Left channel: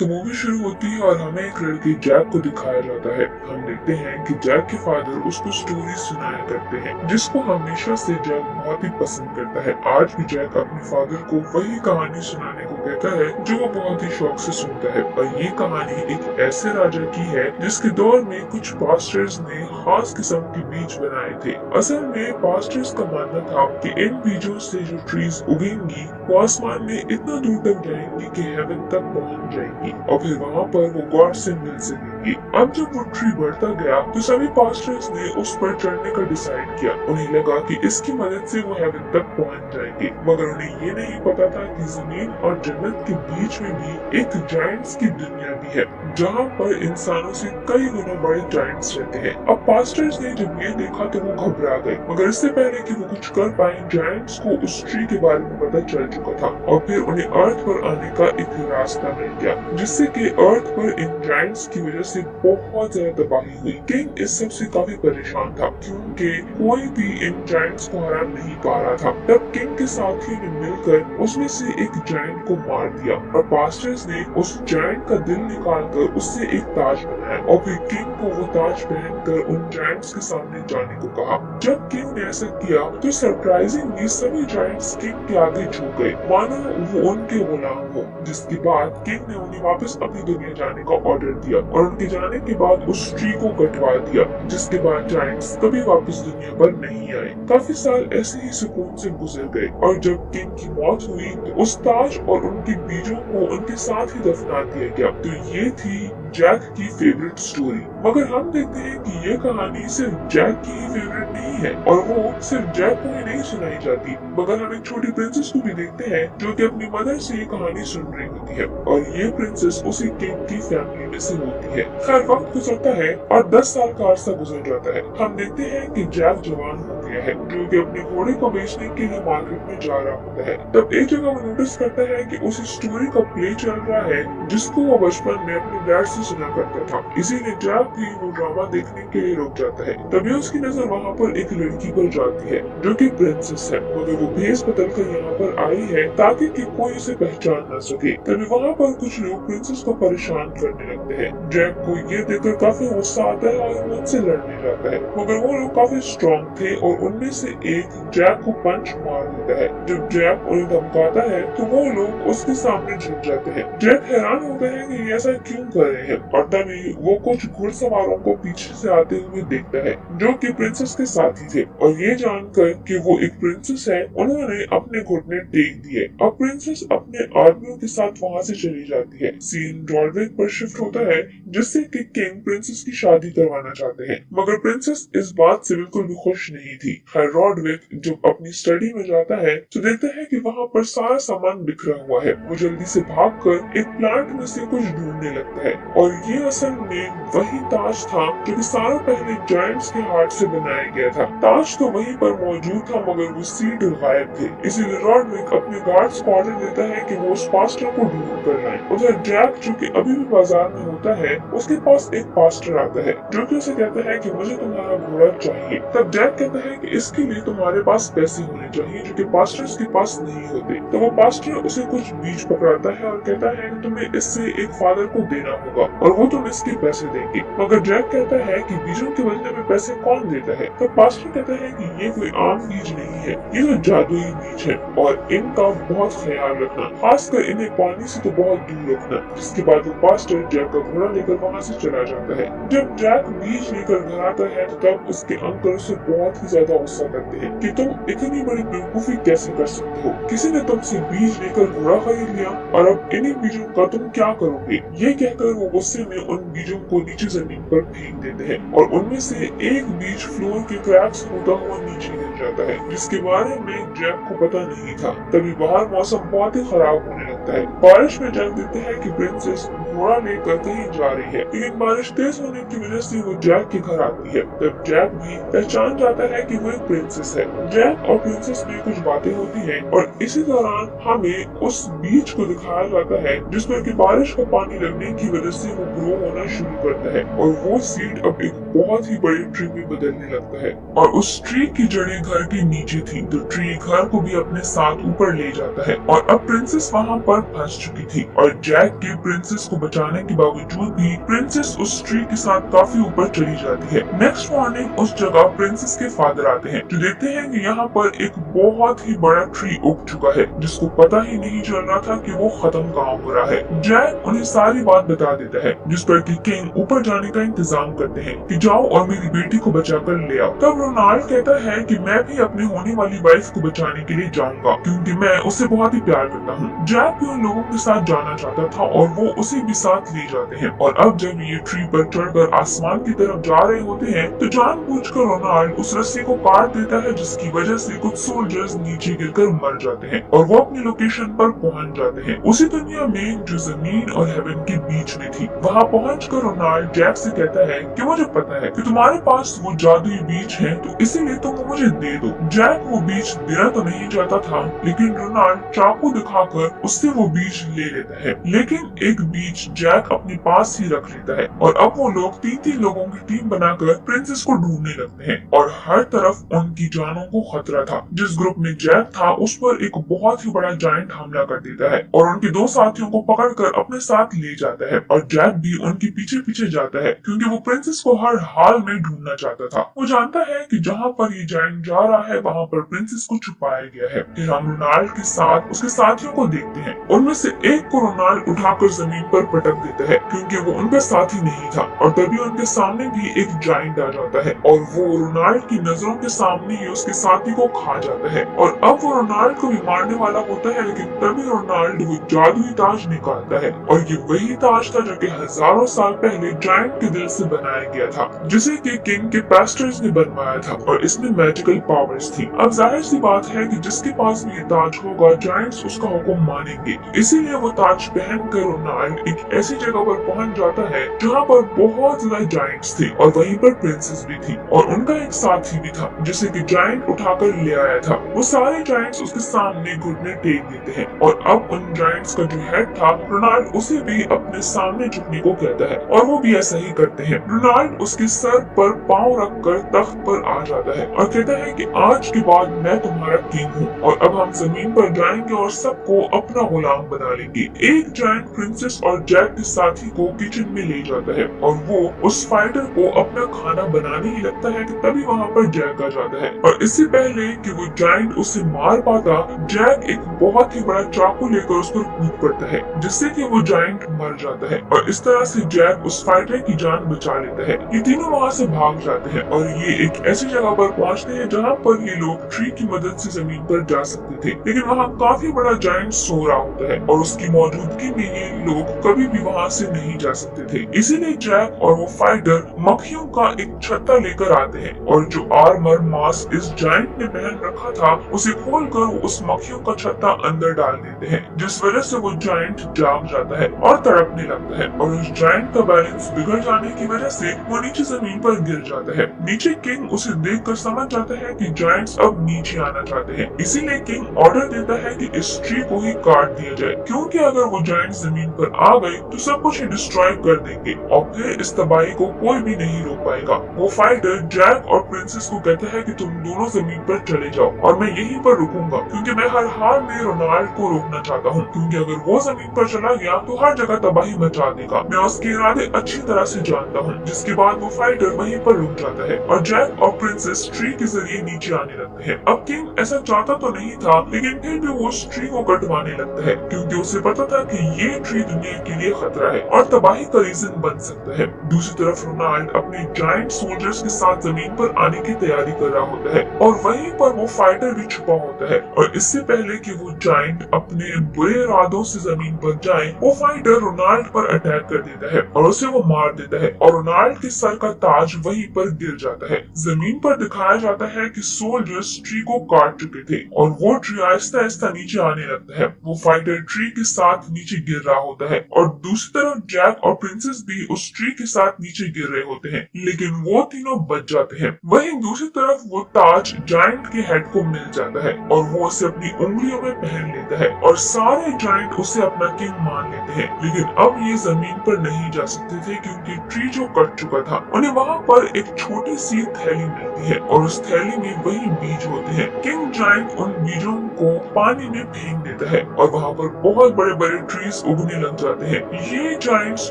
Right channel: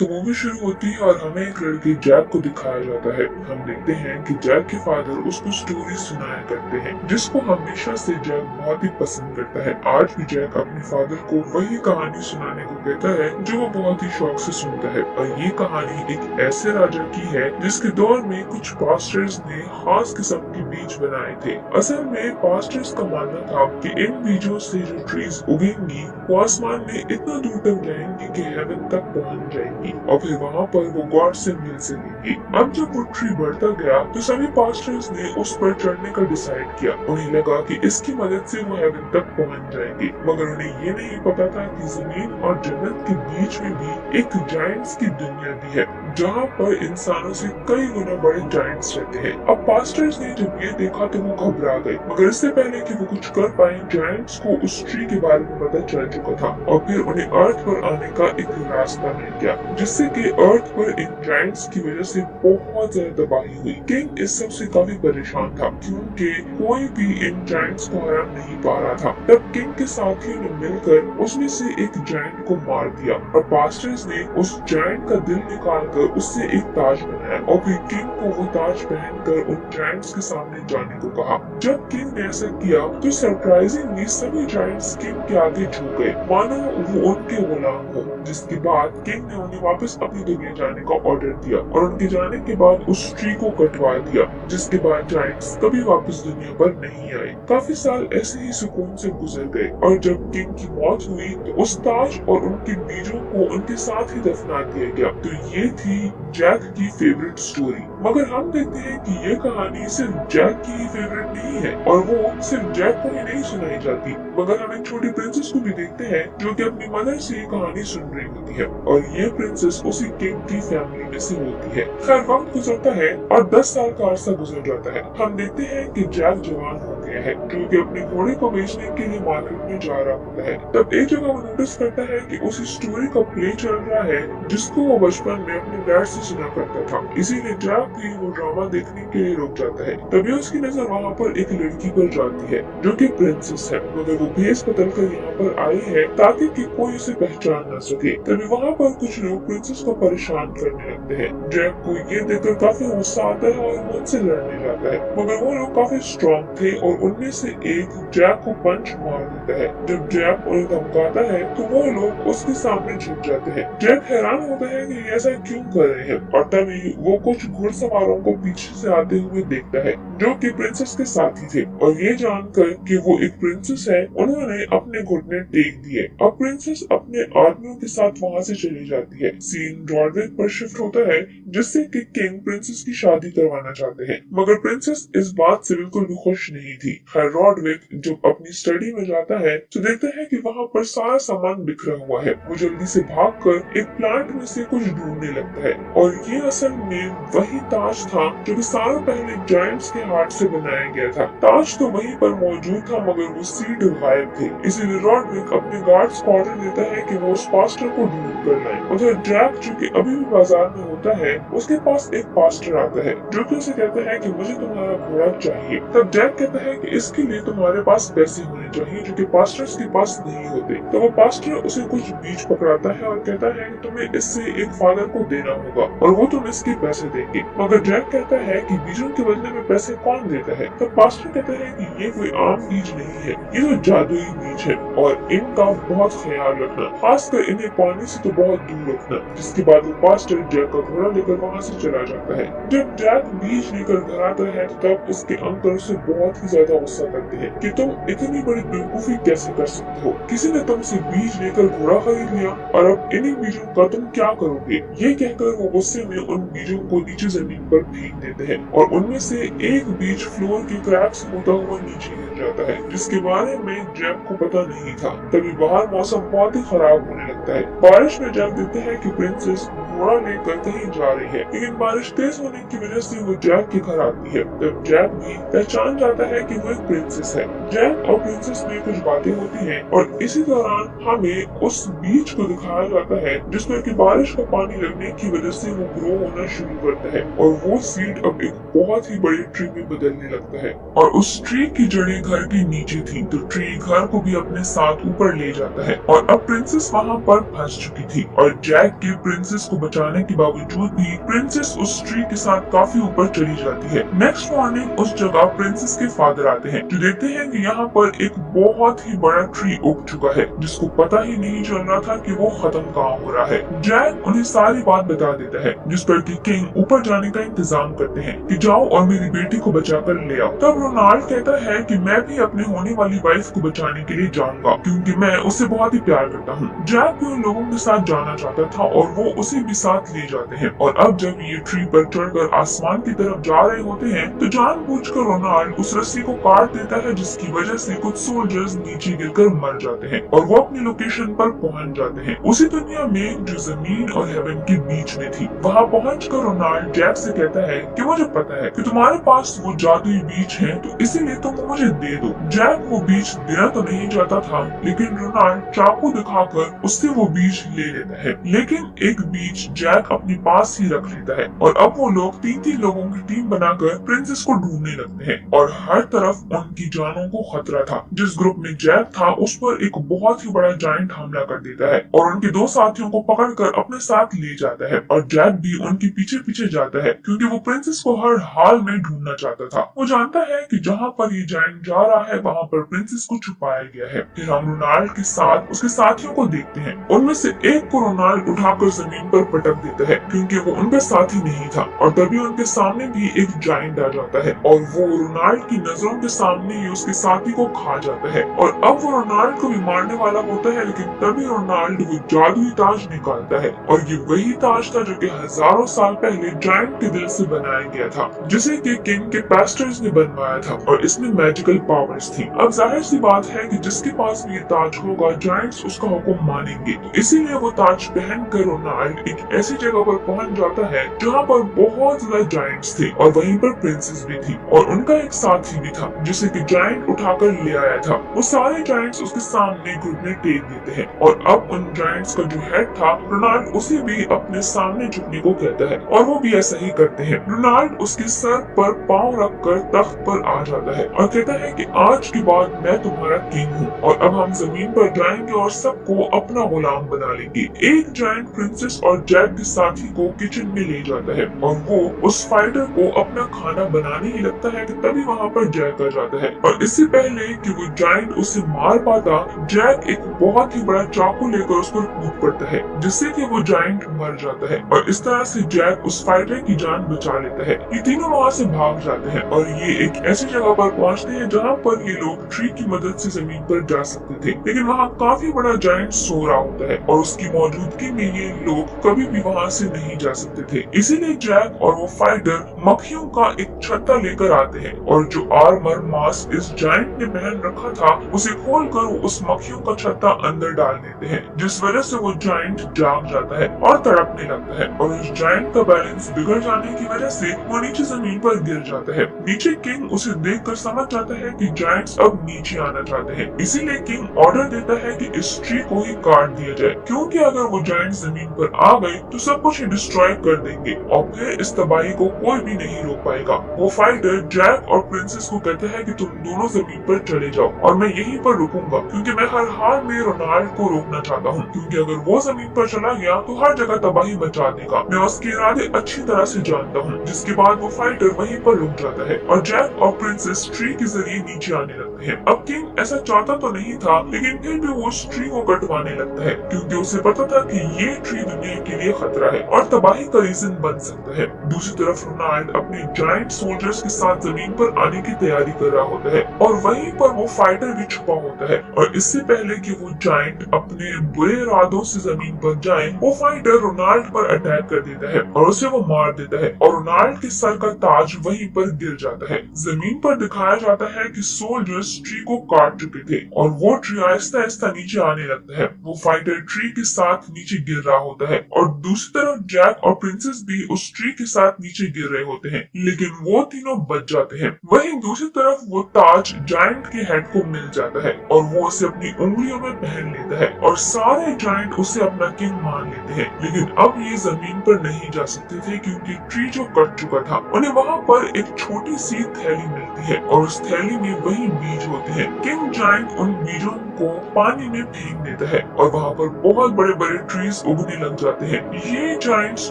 तो मूवी शुरू होती है और हमें एक लड़के जैक को दिखाया जाता है। हम देखते हैं कि जैक के फादर उसको स्टोरी सुनाया करते हैं, जिसको हमेशा से जैक बहुत ही पसंद करता है। आज भी जैक अपने फादर को वही कहानी सुनाने को कहता है जो वो बहुत ही शौक से सुनता है। और ये कहानी एक ऐसे राजा की है जिसके दौर में कुछ पास्टर्स ने खास किस्म के बीज बनाए थे। असल में पास्टर्स का मानना था कि इन बीजों से जो ट्रीज उगेंगी वो आसमान में इतना दूर तक जाएंगी कि हेवन तक पहुंच जाएंगी और फिर वहाँ पर वो गॉड से मिल सकेंगी। अब जब वो ट्री बढ़ता गया तो सभी पास्टर्स ने उस पर चढ़ने का डिसाइड किया। उन्हें लगा कि इसकी मदद से वो हेवन तक पहुंच जाएंगे, मगर उन्हें ये नहीं पता था कि जमीन और जन्नत के बीच में भी एक जायंट्स की दुनिया भी है, जहाँ पर इंसानों से कई गुना बड़े जायंट्स रहते हैं। अब पास्टर्स ने जब ये देखा तो वो घबरा गए, मगर इससे पहले कि वो कुछ कर पाए जायंट्स को उस ट्री के बारे में पता चल चुका था और फिर उन्हें अर्थ पर आने का एक रास्ता मिल गया, जिससे कि अर्थ पर इन जायंट्स की वजह से बहुत ज्यादा तबाही हुई। किंग इस सब से काफी परेशान था क्योंकि कोई भी इन जायंट्स को हरा नहीं पा रहा था। तब किंग के साथियों ने मिलकर उसमें से एक जायंट को मार दिया और पास्टर्स ने उस जायंट का दिल निकालकर उससे एक ताज बनाया और फिर किंग को वो ताज पहनकर उन जायंट्स के सामने जाने को कहा। जब किंग ने ऐसा किया तो सरप्राइजिंगली सभी जायंट्स किंग के आगे झुक गए, मानो वो उनके गुलाम हो। जिसके बाद किंग ने उन्हें वापस अपनी दुनिया जाने का ऑर्डर दिया और उनके जाने के बाद उस ट्री को कटवा दिया, जिसके बाद जायंट्स कभी वापस दुनिया पर नहीं आए। काफी साल ऐसे ही सुकून से गुजर गए और जब किंग की मौत हुई तो उस ताज और उनके बीजों को उनके साथ ही दफना दिया गया। तो ये थी जैक की फेवरेट स्टोरी। मगर हम देखते हैं कि ये कहानी सिर्फ जैक की ही फेवरेट नहीं है और वो सिर्फ जैक को ही नहीं सुनाई जाती, मगर हम एक छोटी प्रिंसेस को भी देखते हैं जो कि अपनी मदर से ये कहानी सुन रही होती है और ये प्रिंसेस उसी किंग की फैमिली में से होती है। खैर वक्त गुजरता है और 10 साल का अरसा गुजर जाता है। हम देखते हैं कि जैक जवान हो गया है, जो कि अपने घोड़े को बेचने के लिए मार्केट में जा रहा होता है। तब एक जगह वो नोटिस करता है कि उस स्टोरी का प्ले चल रहा है जिसको वो बचपन में अपने डैड से सुना करता था। इसीलिए जैक भी वो ड्रामा देखने के लिए रुक जाता है। तभी उसकी नजर वहाँ पर एक लड़की पर जाती है जो कि प्रिंसेस है, मगर वो भेस बदल कर यहाँ पर आई है ताकि कि कोई उसे पहचान न सके। तभी वहाँ पर कुछ लोग प्रिंसेस को परेशान करने लगते हैं। जैक को ये देखकर काफी गुस्सा आता है और वो उनसे लड़ने जाता है, मगर वो लोग काफी स्ट्रॉन्ग थे और उनमें से एक जैक को पंच मार देता है। जब जैक उन्हें धमकाता है तो वो लोग उसके सामने झुक जाते हैं। जैक हैरान होता है कि ये ऐसा क्यों कर रहे हैं और तभी वो कुछ घुड़सवारों को पीछे से आते हुए देखता है जो कि प्रिंसेस के साथी थे और ये जानकर कि वो एक प्रिंसेस है उन्होंने अपने घुटने टेक दिए। अब प्रिंसेस अपने आदमियों के साथ वहाँ से चली जाती है। सीन रॉडविक पर शिफ्ट होता है जिससे कि किंग प्रिंसेस की शादी करवाना चाहते हैं, मगर प्रिंसेस इस बात से बिल्कुल भी खुश नहीं थी। खैर रॉडविक जब अपनी स्टडी में जाता है तो देखता है कि वहाँ पर सारा सामान बिखरा हुआ है। वो जल्दी से भागकर एक प्लांट में से कुछ ढूंढने लगता है और ये असल में वही ताज था जो कि सालों पहले जायंट्स के हाथ से बनाया गया था। ताज तो वहीं पर मौजूद था मगर वो सीड गायब थे। इसीलिए रॉडविक अपने गार्ड्स को ऑर्डर देता है कि वो उस पास्टर को ढूंढ कर लाएं। उधर जैक जो कि अभी भी बाजार में होता है उसके पास एक पास्टर आता है जो कि उसे कहता है कि मुझे तुम्हारा घोड़ा चाहिए। तब जैक कहता है कि इसके लिए तुम्हारे पास पैसे होने चाहिए जो कि पास्टर्स के पास नहीं होते। तो वो पास्टर उसे कुछ बीज पकड़ाता है और कहता है कि तुम्हें इससे एक फादर को देना होगा और वो तुम इसके पैसे देंगे। मगर जैक कहता है कि बीजों के बदले में पैसे कौन देता है। तब पास्टर कहता है कि ये कोई आम बीज नहीं है, ये तो जादुई बीज है और इनका बहुत ख्याल रखना, खासकर इन्हें पानी से तो बहुत दूर रखना। जिसके बाद वो पास्टर जैक का घोड़ा लेकर वहाँ से चला जाता है। जब जैक बीज लेकर घर आता है तो तब उसके अंकल उसे बहुत ही ज्यादा गुस्सा करते हैं कि तुम इतनी बड़ी बेवकूफी कैसे कर सकते हो, किसी ने तुमसे बीज लेकर घोड़ा खरीद लिया और अब इन्हीं बीजों का तुम क्या करोगे। ये कहकर वो गुस्से में उन बीजों को नीचे जमीन पर फेंक देते हैं और उनमें से एक बीज फ्लोर के क्रैक से होता हुआ नीचे गिर जाता है, जिसके बारे में जैक को पता नहीं था। तभी बाहर मौसम बहुत ही खराब होने लगता है। बारिश में जैक देखते हैं कि प्रिंसेस घोड़ा लेकर कहीं जा रही है, लेकिन बारिश तेज होने की वजह से वो जैक के घर आती है। तब जैक भी पहचान जाता है कि वो एक प्रिंसेस है। जैक और प्रिंसेस में कुछ बातें होती हैं और इसी दौरान हमें उस बीज को दिखाया जाता है जिसमें कि बारिश का पानी लगने की वजह से वो ग्रो होना शुरू करता है और वो सीड अब एक बहुत ही बड़े ट्री में बदलने लगता है और उस ट्री की जड़ें घर के नीचे थी, तो ट्री घर को भी अपने साथ ऊपर ले जाता है और अब प्रिंसेस वहाँ पर फंस चुकी थी और जैक के प्रिंसेस को बचाने के बावजूद भी प्रिंसेस उस ट्री के साथ काफी ऊपर चली जाती है। नेक्स्ट मॉर्निंग उस जगह प्रिंसेस के फादर आते हैं, जो देखते हैं कि यहाँ पर एक बहुत ही बड़ा ट्री उग चुका है, जिसको पता ही नहीं चल रहा था कि वो खत्म कहाँ हो रहा है। जैक उन्हें सारी बात बता देता है, जिस पर कि किंग ऊपर जाने का इंतजाम करते हैं कि जाओ और मेरी बेटी को बचाकर ले आओ। तब रोनाल्ड कहता है कि मैं भी अपने होने वाली वाइफ को बचाने के लिए जाऊंगा, क्योंकि मैं उससे बहुत ही प्यार करता हूँ। जैक भी उन लोगों के साथ जाना चाहता था और वो उसे भी साथ ले जाते हैं और अब जब ये ट्री पर चढ़कर आसमान की तरफ जा रहे होते हैं तो जानबूझकर रोनाल्ड उस रस्सी को काट देता है, जिसकी वजह से कुछ सोल्जर्स नीचे गिरकर मर जाते हैं और वो अपनी लोकेशन पर पहुंच जाते हैं, उसी दुनिया में जो जमीन और हेवन के बीच में थी। वहाँ पहुंचकर रोनाल्ड जैक से कहता है कि मुझे पता है कि तुम्हारे पास वो जादुई बीज है, तो इसीलिए तुम वो मुझे दे दो। जैक वो बीज देना तो नहीं चाहता था, लेकिन रोनाल्ड चाकू दिखाकर उससे वो बीज ले लेता है, लेकिन एक बीज जैक अपने पास ही रख लेता है और अब वो लोग 3-3 लोगों की टीम बनाकर प्रिंसेस को ढूंढने लगते हैं और हर तरफ उनकी जानों को खतरा था। जिस ग्रुप में जैक था उस पर एक बहुत ही बड़ा जायंट हमला कर देता है और उनके 2 साथियों को पकड़कर अपने साथ ले जाता है और जैक भी उनके पीछे पीछे जाता है, क्योंकि वो प्रिंसेस को हर हाल में ढूंढना चाहता था। वो जानता है कि जहाँ पर ये जायंट जा रहा है वहाँ पर प्रिंसेस को छुपाया गया है। फिर हम रोनाल्ड के साथ उसके साथियों को देखते हैं, उनमें से एक को रोनाल्ड उठाकर जमीन पर पटक देता है, क्योंकि वो उनका साथी नहीं था और तभी उनके सामने भी एक जायंट आ जाता है और वो रोनाल्ड की नजरों के सामने ही उसके साथी को खा जाता है और अब वो रोनाल्ड को भी मारने वाला होता है, लेकिन तभी रोनाल्ड वो जादुई ताज निकालता है और ये वही ताज था जो कि हजारों साल पहले जायंट के दिल से बनाया गया था, जिसे कि किंग के पास्टर्स ने बनवाया था और इसमें मैजिकल पावर्स थी। अब जाहिर सी बात है कि जिसके पास भी ये ताज होगा जायंट्स उसका हुक्म मानेंगे, इसीलिए वो ताज पहनकर रोनाल्ड एक ऐसी जगह पर पहुंच जाता है जहाँ पर बहुत ज्यादा जायंट्स थे और वहीं पर प्रिंसेस भी थी और उनका एक साथी भी था, जिसे कि जायंट उठाकर ले आया था। वो सारे जायंट्स उसके सामने घुटने टेक देते हैं और अब उन जायंट्स का जो हेड था रोनाल्ड उसे भी अपने सामने झुकने को कहता है और वो भी ऐसा ही करते हैं। रोनाल्ड उसके सर पर पांव रखकर तख्त पर आ जाता है और कहता है कि आज के बाद मैं तुम्हारा किंग हूँ और अब हम जमीन पर जाएंगे और सबको अपना गुलाम बना लेंगे। एक जायंट प्रिंसेस और जैक के साथी को किचन में ले जाता है और वो उस फाइटर को अपना खाना बनाने ही लगता है कि तभी वहाँ पर जैक आ जाता है और इससे पहले कि वो जायंट उसे मार पाता, जैक एक बहुत ही बड़ा चाकू लेकर उस पर कूद पड़ता है, जिससे कि वो जायंट मर जाता है और इस तरह से जैक उस फाइटर की जान बचा लेता है। ये तीनों वहाँ से भाग जाते हैं और ये एक ऐसी जगह पर पहुँचते हैं जहाँ पर ये लोग ट्री की मदद से जमीन पर जा सकते थे, लेकिन वहाँ काफी बड़ा जायंट सो रहा होता है और उसकी मौजूदगी में ये लोग कभी भी वहाँ से नहीं जा सकते थे। इसीलिए जैक और वो फाइटर मक्खियों का एक छत्ता लेकर आते हैं और जो आर्मर मास्क इस जायंट ने पहन रखा था उसे खोलकर वो उस मक्खियों का छत्ता अंदर डाल देते हैं, जिस वजह से वो जायंट जाग जाता है और तड़पने लगता है और उस जायंट का बैलेंस बिगड़ जाने की वजह से वो नीचे जमीन पर गिर जाता है। नीचे किंग उसे देखकर समझ जाता है कि जायंट्स अब नीचे आना चाहते हैं, इसीलिए किंग ऑर्डर देता है कि इस ट्री को ही काट दिया जाए, क्योंकि अगर वो जायंट जमीन पर आ गए तो सब कुछ डिस्ट्रॉय कर देंगे और फिर इस तबाही को कोई भी नहीं रोक पाएगा। वो फाइटर जैक और प्रिंसेस को कहता है कि तुम दोनों जमीन पर चले जाओ और मैं यहीं पर रुकूंगा, क्योंकि मैं हर हाल में रोनाल्ड को रोकना चाहता हूँ, क्योंकि अगर वो जमीन पर चला गया तो हर जगह तबाही मचा देगा। मैं उसके इरादे अच्छी तरह से जानता हूँ। जिसके बाद वो फाइटर वहीं पर रुक जाता है और जैक और प्रिंसेस ट्री के जरिए नीचे आने लगते हैं। अब किंग ऐसा चाहता तो नहीं था, लेकिन फिर भी वो उस ट्री को कटवाने लगता है, क्योंकि उसे पता था कि ये ट्री दुनिया के लिए खतरा है और तबाही का रीजन बन सकता है। दूसरी तरफ रोनाल्ड अपने जायंट सोल्जर्स के साथ जमीन पर आने की तैयारी कर रहा होता है और वहीं पर वो फाइटर भी छुपा होता है और इससे पहले कि वो जायंट अपने बुरे इरादों से जमीन पर जाए, वो फाइटर रोनाल्ड पर अटैक कर देता है और उसे वो मार देता है और रोनाल्ड के सर का ताज वहीं पर गिर जाता है। जमीन पर दिखाया जाता है कि सोल्जर्स ट्री को काट चुके थे और वो ट्री आहिस्ता आहिस्ता नीचे आने लगता है। वो फाइटर ट्री के साथ नीचे गिर रहा होता है और दूसरी तरफ जैक और प्रिंसेस भी उस ट्री के साथ नीचे गिर रहे होते हैं, लेकिन वो तीनों बच जाते हैं। वहीं दूसरी तरफ वो ताज जायंट के हेड को मिल जाता है और वो उसे अपनी उंगलियों में पहन लेता है और सारे जायंट उसे अपना किंग मान लेते हैं। लेकिन अब ये जमीन पर नहीं जा सकते थे, क्योंकि ट्री जो कट चुका था। उन्हें वहाँ पर एक छोटी सी थैली मिलती है और उस थैली में वही बीज होते हैं। किंग जायंट उन बीजों को पानी में फेंक देता है और वहाँ पर बहुत बड़े बड़े ट्रीज उगने लग जाते हैं। ये जायंट्स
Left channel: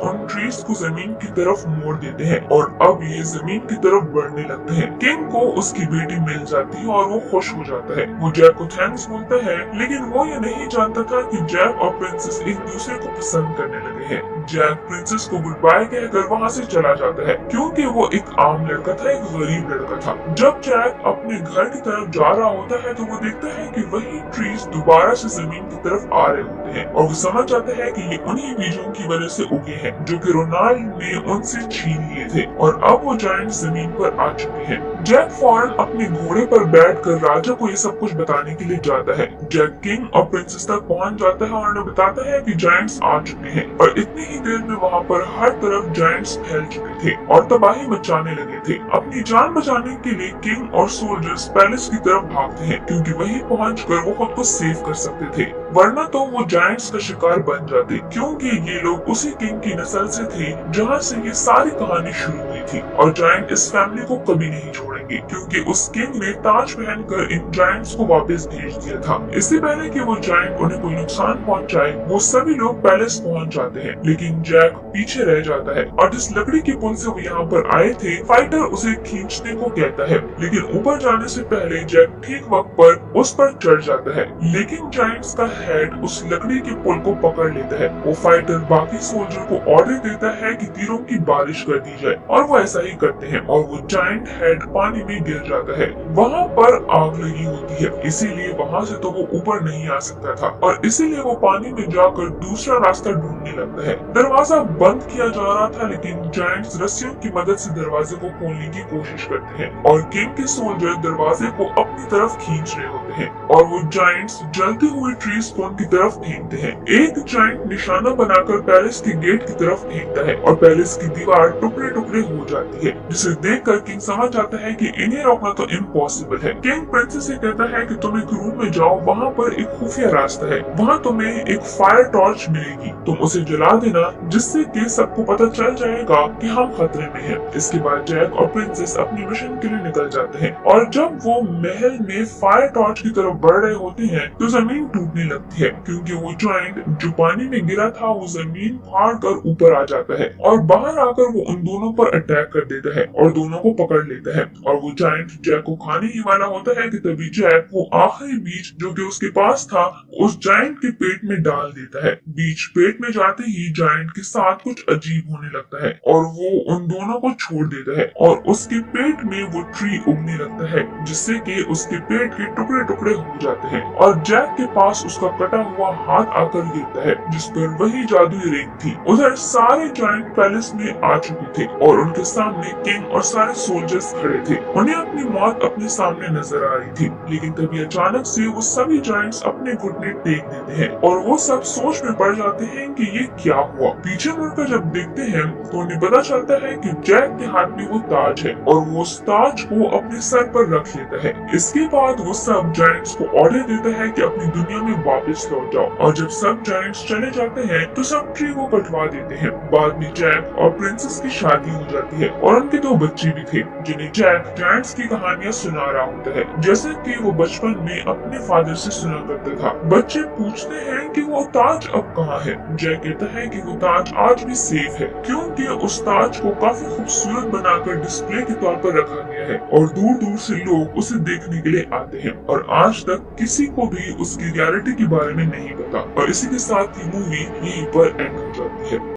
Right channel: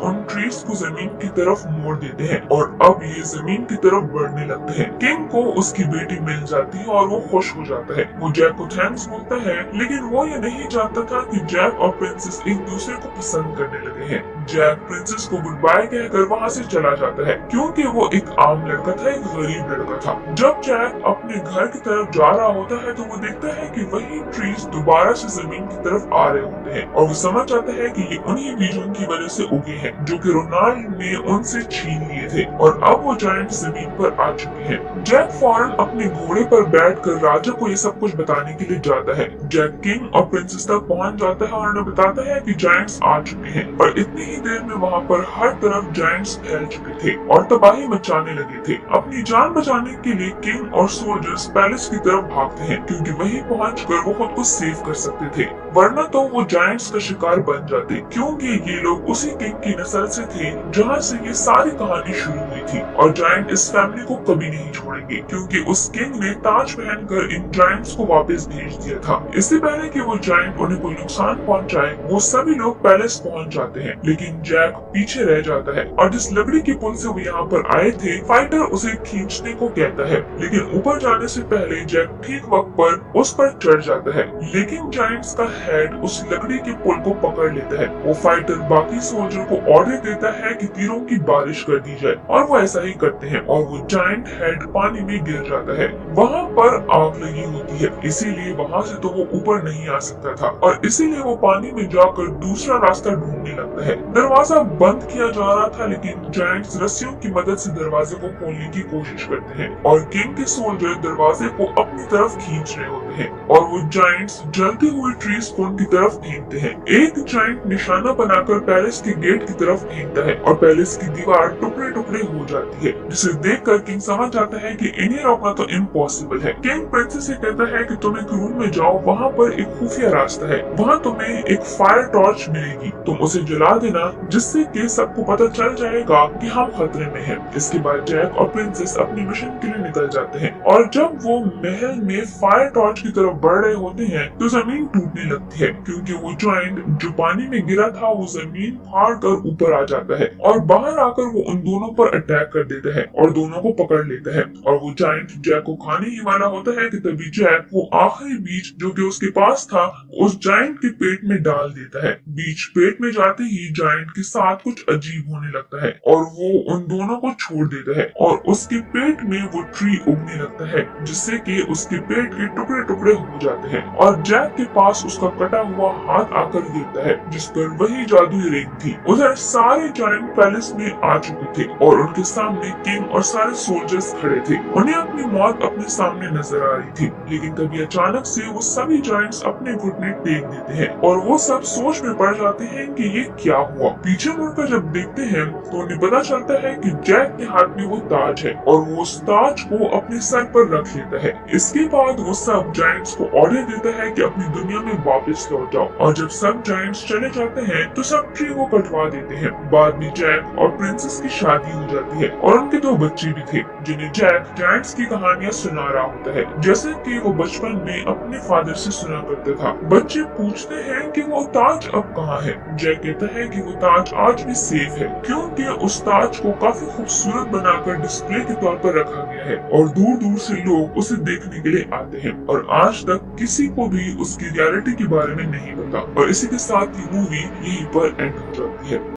उन ट्रीज को जमीन की तरफ मोड़ देते हैं और अब ये जमीन की तरफ बढ़ने लगते हैं। किंग को उसकी बेटी मिल जाती है और वो खुश हो जाता है। वो जैक को थैंक्स बोलता है, लेकिन वो ये नहीं जानता था कि जैक और प्रिंसेस एक दूसरे को पसंद करने लगे हैं। जैक प्रिंसेस को गुड बाय कहकर वहाँ से चला जाता है क्योंकि वो एक आम लड़का था, एक गरीब लड़का था। जब जैक अपने घर की तरफ जा रहा होता है तो वो देखता है कि वही ट्रीज दोबारा से जमीन की तरफ आ रहे होते हैं और वो समझ जाता है कि ये उन्हीं बीजों की वजह से उगे हैं जो कि रोनाल्ड ने उनसे छीन लिए थे और अब वो जायंट जमीन पर आ चुके हैं। जैक फौरन अपने घोड़े पर बैठकर राजा को ये सब कुछ बताने के लिए जाता है। जैक किंग और प्रिंसेस तक पहुंच जाता है और उन्हें बताता है कि जायंट्स आ चुके हैं और इतनी ही देर में वहाँ पर हर तरफ जायंट्स फैल चुके थे और तबाही मचाने लगे थे। अपनी जान बचाने के लिए किंग और सोल्जर्स पैलेस की तरफ भागते हैं क्योंकि वहीं पहुंचकर वो खुद को सेव कर सकते थे, वरना तो वो जायंट्स का शिकार बन जाते क्योंकि ये लोग उसी किंग की नस्ल से थे जहाँ से ये सारी कहानी शुरू हुई थी और जायंट इस फैमिली को कभी नहीं छोड़ेंगे क्योंकि उस किंग ने ताज पहनकर इन जायंट्स को वापस भेज दिया था। इससे पहले कि वो जायंट उन्हें कोई नुकसान पहुंचाए, वो सभी लोग पैलेस पहुंच जाते हैं, लेकिन जैक पीछे रह जाता है और जिस लकड़ी के पुल से वो यहाँ पर आए थे, फाइटर उसे खींचने को कहता है, लेकिन ऊपर जाने से पहले जैक ठीक वक्त पर उस पर चढ़ जाता है, लेकिन जायंट्स का हेड उस लकड़ी के पुल को पकड़ लेता है। वो फाइटर बाकी सोल्जर को ऑर्डर देता है कि तीरों की बारिश कर दी जाए और वो ऐसा ही करते हैं और वो जायंट हेड पानी में गिर जाता है। वहाँ पर आग लगी होती है, इसीलिए वहाँ से तो वो ऊपर नहीं आ सकता था और इसीलिए वो पानी में जाकर दूसरा रास्ता ढूंढने लगता है। दरवाजा बंद किया जा रहा था, लेकिन जायंट्स रस्सियों की मदद से दरवाजे को खोलने की कोशिश करते हैं और किंग के सोल्जर दरवाजे को अपनी तरफ खींच रहे होते हैं और वो जायंट्स जलते हुए ट्रीज को उनकी तरफ फेंकते हैं। एक जायंट निशाना बनाकर पैलेस के गेट की तरफ फेंकता है और पैलेस की दीवार टुकड़े टुकड़े हो जाती है, जिसे देखकर किंग समझ जाता है कि इन्हें रोकना तो इम्पॉसिबल है। किंग प्रिंसेस से कहता है कि तुम एक रूम में जाओ, वहाँ पर एक खुफिया रास्ता है, वहाँ तुम्हें एक फायर टॉर्च मिलेगी, तुम उसे जला देना जिससे कि सबको पता चल जाएगा कि हम खतरे में हैं। इसके बाद जैक और प्रिंसेस अपनी मिशन के लिए निकल जाते हैं और जब वो महल में फायर टॉर्च की तरफ बढ़ रहे होते हैं तो जमीन टूटने लगती है क्योंकि वो जॉइंट जो पानी में गिरा था वो जमीन फाड़ कर ऊपर आ जाता है और बाहर आकर वो उन दोनों पर अटैक कर देता है और दोनों को पकड़ लेता है और वो जायंट जैक को खाने ही वाला होता है कि तभी जैक वो आखिरी बीज जो कि उसके पास था उस जायंट के पेट में डाल देता है। बीज पेट में जाते ही जायंट के साथ कुछ अजीब होने लगता है और वो उन दोनों को छोड़ देता है और उसके पेट में वो ट्री उगने लगता है जिससे कि उसके पेट के टुकड़े टुकड़े हो जाते हैं और जैक के पास उसका कटा हुआ हाथ आकर गिरता है जिस पर वही जादुई रिंग थी। उधर सारे जायंट पैलेस में आ चुके थे और उनके सामने किंग और सारे सोल्जर्स खड़े थे। उन्हें अपनी मौत अपने सामने नजर आ रही थी, लेकिन तभी अचानक से वो सभी जायंट्स अपने घुटने टेक देते हैं और वो सब सोच में पड़ जाते हैं कि ये क्या हुआ। पीछे मुड़कर जब देखते हैं तो उन्हें पता चलता है कि जैक के हाथ में वो ताज है और वो उस ताज को अपने सर पर रख लेता है। इसके बाद वो सब जायंट्स को ऑर्डर देता है कि अपनी दुनिया में वापस लौट जाओ और जब सब जायंट्स चले जाते हैं तो सब ट्री को कटवा देते हैं। बाद में जैक और प्रिंसेस की शादी हो जाती है और उनके 2 बच्चे भी थे जिन्हें जैक जायंट्स की कहानियां सुना रहा होता है जैसे कि वो बचपन में अपने फादर से सुना करता था। बच्चे पूछते हैं कि वो ताज अब कहाँ है। जैक कहता है कि वो ताज आज भी सेफ है क्योंकि उस ताज को काफी खूबसूरत बनाकर डिस्प्ले के तौर पर रखा गया है और दूर दूर से लोग उसे देखने के लिए आते हैं और आज तक किसी को भी उसकी रियलिटी के बारे में नहीं पता। और इसी के साथ ही मूवी यहीं पर एंड हो जाती है।